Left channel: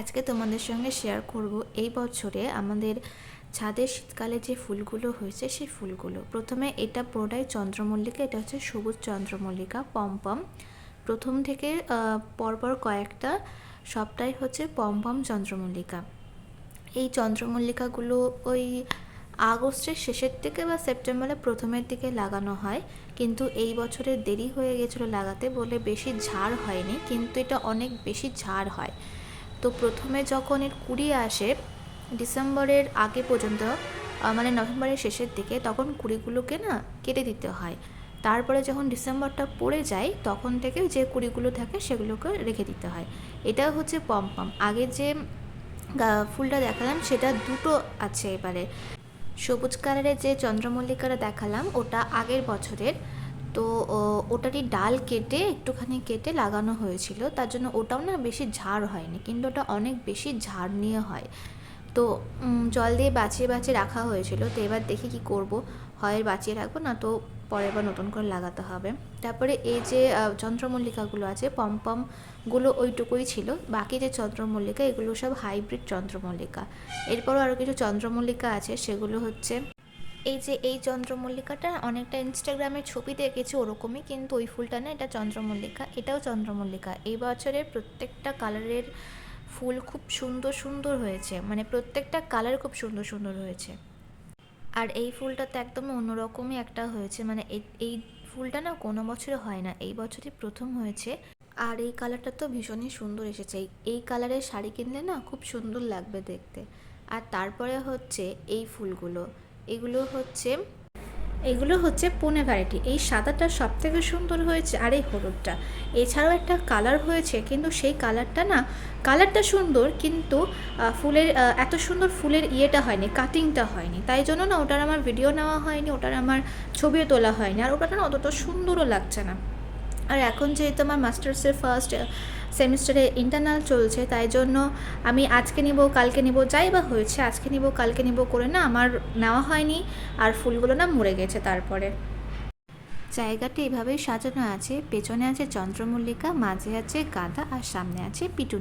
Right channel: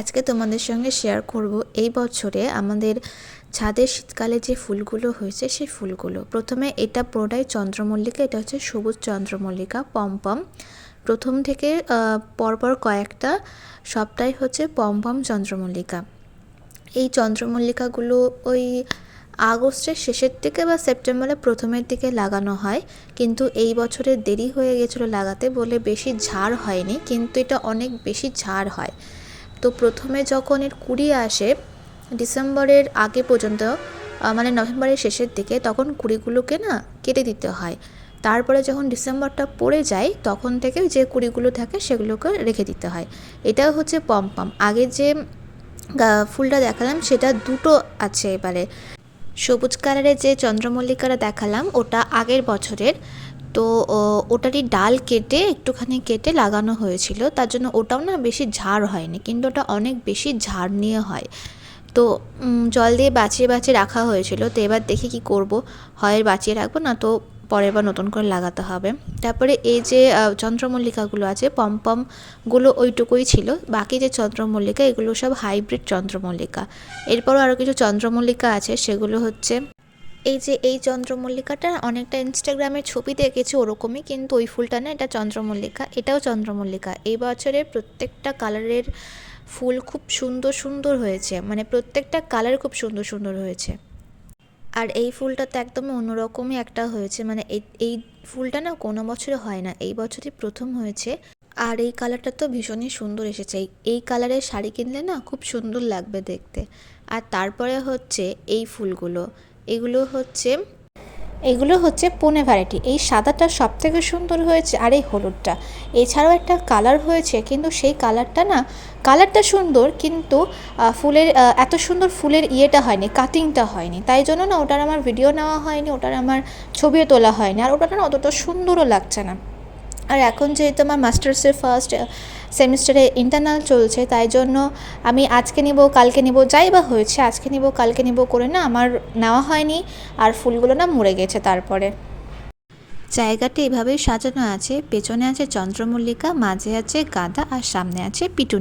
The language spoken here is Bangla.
আজকে তোমাদের সঙ্গে শেয়ার করব এই বছরে আমাদের ছাদের শীতকালে যে ফুলগুলো হয়েছে সেই ফুলগুলো। প্রথমে এটা পুরোটাই চন্দ্রমল্লিকা, এটা হচ্ছে সবুজ চন্দ্রমল্লিকা পমপম। প্রথম থেকে পরপর কয়েকটা সবটাই হচ্ছে পমপম চন্দ্রমল্লিকা। এই চন্দ্রমল্লিকাগুলো ওই আগস্টের শেষের দিকে বা সেপ্টেম্বরের প্রথমের দিকে লাগানো হয়, কিন্তু এই বছরে দেরি হয়ে গেছিলো লাগাতে বলে বেশি ঝাড় হয়নি, কিন্তু এটা অনেক বেশি ঝাড় হয়। তো প্রথমে যখন এর কুড়ি আসে ডিসেম্বরের আগে পর্যন্ত, মানে নভেম্বরের শেষের দিকে, তখন কুড়িগুলোকে না কেটে দিতে হয়। তারপরে যখন ডিসেম্বরটা পড়ে যায় তখন থেকে যে কুড়িগুলো থাকে সেগুলোকে রেখে দিতে হয়। এটাও হচ্ছে পমপম। আগে যে ফুলটা দেখালাম সেটা দুটো আছে এবারে। সবুজ কালারের যে চন্দ্রমল্লিকাটা দেখালাম ওটা আগের বছরের, তো ওটারই ডাল কেটে একটুখানি কেটে লাগানো হয়েছিল, তার জন্য ওটাও না বেশি ঝাড় হয়নি, কিন্তু ওটা অনেক বেশি ঝাড় নিয়ে হয়। তো জল দিয়ে বাঁচিয়ে বাঁচিয়ে রাখা হয়েছিল। তো এবার দেখি কি করব, হয় বাঁচিয়ে রাখবো, না তো পরের বার নতুন করে লাগাতে হবে। তারপরে এই যে চন্দ্রমল্লিকাগুলো আছে পমপমগুলো ওইটুকুই ছিল, বাকি যে চন্দ্রমল্লিকা এগুলো সব হাইব্রিড চন্দ্রমল্লিকা। এরপরও আরও কিছু চন্দ্রমল্লিকা আছে, সেগুলো হচ্ছে এই চন্দ্রমল্লিকাটা অনেকটা ইনস্টাগ্রামে ছবি দেখেছি ওরকমই, কিন্তু ওই ফুলটা না, এটা চন্দ্রমল্লিকা, এটাও চন্দ্রমল্লিকা। এই বছরের প্রত্যেকটা কালারের ফুল খুব সুন্দর সুন্দর হয়েছে, মানে প্রত্যেকটা কালার খুব সুন্দর সুন্দর হয়েছে। আর এই ফুলটা তো একদম অন্যরকমই একটা হয়েছে, মানে এই ফুলটা না কোনো বছরে হয় না, এই বছরই প্রথম হয়েছে। আর এই কালারটা তো ভীষণই সুন্দর এসেছে, এই কালারের শাড়ি কিনলে না খুব সুন্দর লাগবে দেখতে। আর তারপরে হচ্ছে এই ফুলগুলো, এগুলো হচ্ছে পুনে ভ্যারাইটি। এই সাদাটা সব থেকে সুন্দর হয়েছে, আর এই হলুদটা। এছাড়াও একটা কালার হয়েছে, কিন্তু সেই কালারটা না, কালারটা সুন্দর কিন্তু ফুলের এত সুন্দর ফুলের ইয়েটা হয়নি, কাটিংটা হয়নি, তাই জন্য না ওটার আমার ভিডিও নেওয়া হয়নি, ওটার আমার ছবিও তোলা হয়নি, আর ওটা না অতটা সুন্দরও লাগছে না। আর এখন যেহেতু আমার মাস্টার্সের ফার্স্ট সেমিস্টারে ইন্টারনাল চলছে, তাই জন্য আমি আজকে নেব কালকে নেব, যাই বা হয়েছে আজকে নেব কালকে নেব করে না আমার নেওয়া হয়নি, আর ফুলগুলো না মরে গেছে। তারপরে জায়গাটি এভাবেই সাজানো আছে, পেছনে আছে চন্দ্রমল্লিকা, মাঝে আছে গাঁদা, আর সামনে আছে পিটুনি।